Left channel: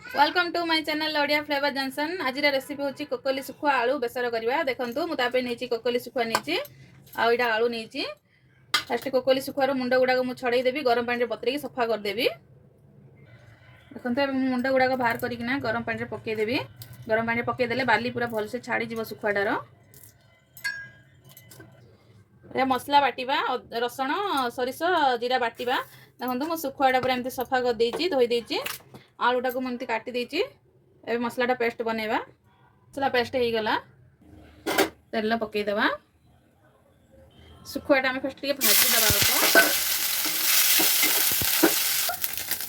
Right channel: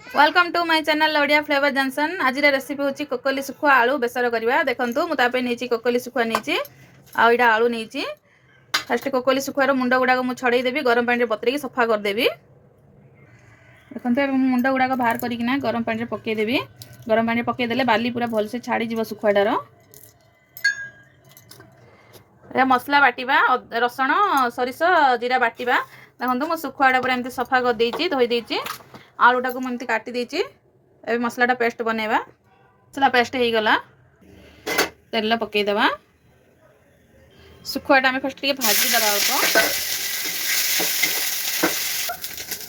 Welcome to my channel Odia flavour junction. आज recipe होची कोकोली सुखुआ आलू बेसर करवा। देखंतु मु तापे नीची कोकोली सुखुआ नीची आ इडा आलू नीची। फर्स्ट कोकोली सुखुआर मुंड गुडा को मु छड़ई देबी, गरम पानी रे बतरे सफा कर देबी। देखंतु अब मुंड गुडा को बाहर करिकिना गरम पानी रे पके देबी। गरम पानी रे पके देले बाली पूरा भल से छाड़ी जीव सुखुआडार। ए मसला बाटिबा, रसुण सरिष जीरा बाटिबा। देखंतु मु सुखुआडा पूरा एमती सफा कर देइची, धोई देइची। आलूटा को मुझे काटी देची। ए मसलाटा पेस्ट बनैबा। मसला पेस्ट हो गला, तेल पकई देबा। सुखुआटा आम फर्स्ट टिके भाजी देबा अल्प।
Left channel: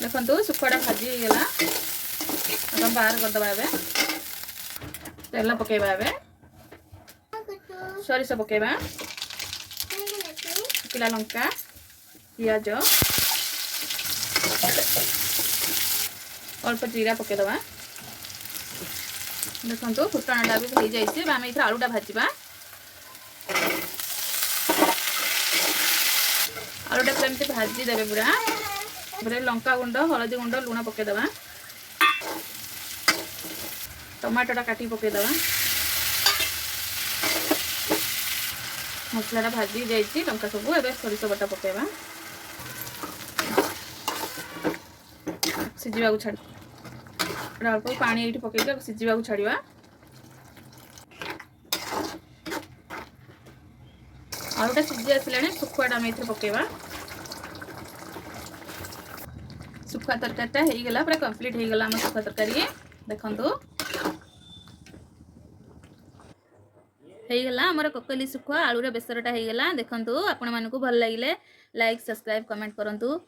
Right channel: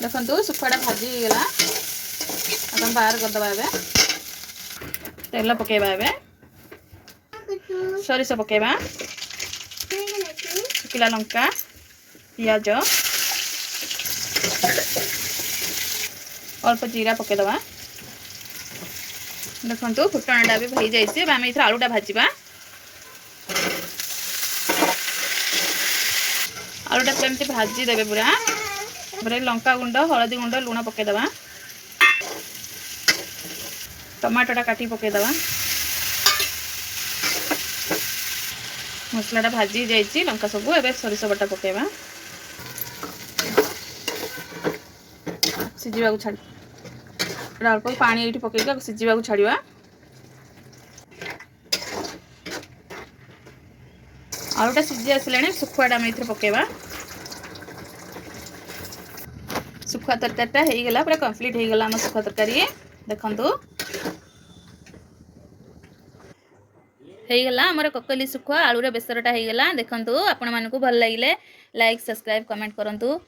देखंतु सुखुआटा भाजी हो गला, अब बाहर कर देबा। एबे तेल पकेबा, एबे सरिष पकेबा, सुखिला लंका, पियाज, अल्प जीरा पके दबा। देखंतु फुटणटा भी हो जाइए। आम इथर आलूटा भाजवा। आलूटा पूरा एमती भाजी देबे पूरा। लंका गुंड, हलदी गुंड, लुण पके दबा। टमाटोटा काटी पके दबा। मसलाटा भाजी जाइए लंका सब। एबे सरिष बटा पकेबा, सिझा छाड़ अल्प पानी ये पकईक सिझा छाड़ा। आलूटा सिझी आसला सुखुआटा आम ये पकेबा। सुखुआ तरकारीटा हो गला, पूरा कंप्लीट हो गला आम सुखुआ तरकारी। देखंतु हो गला आमर कोकोली सुखुआ आलूर बेसरटा हो गला। देखंतु आपण मानकु भल लागिले लाइक, सब्सक्राइब, कमेंट करंतु।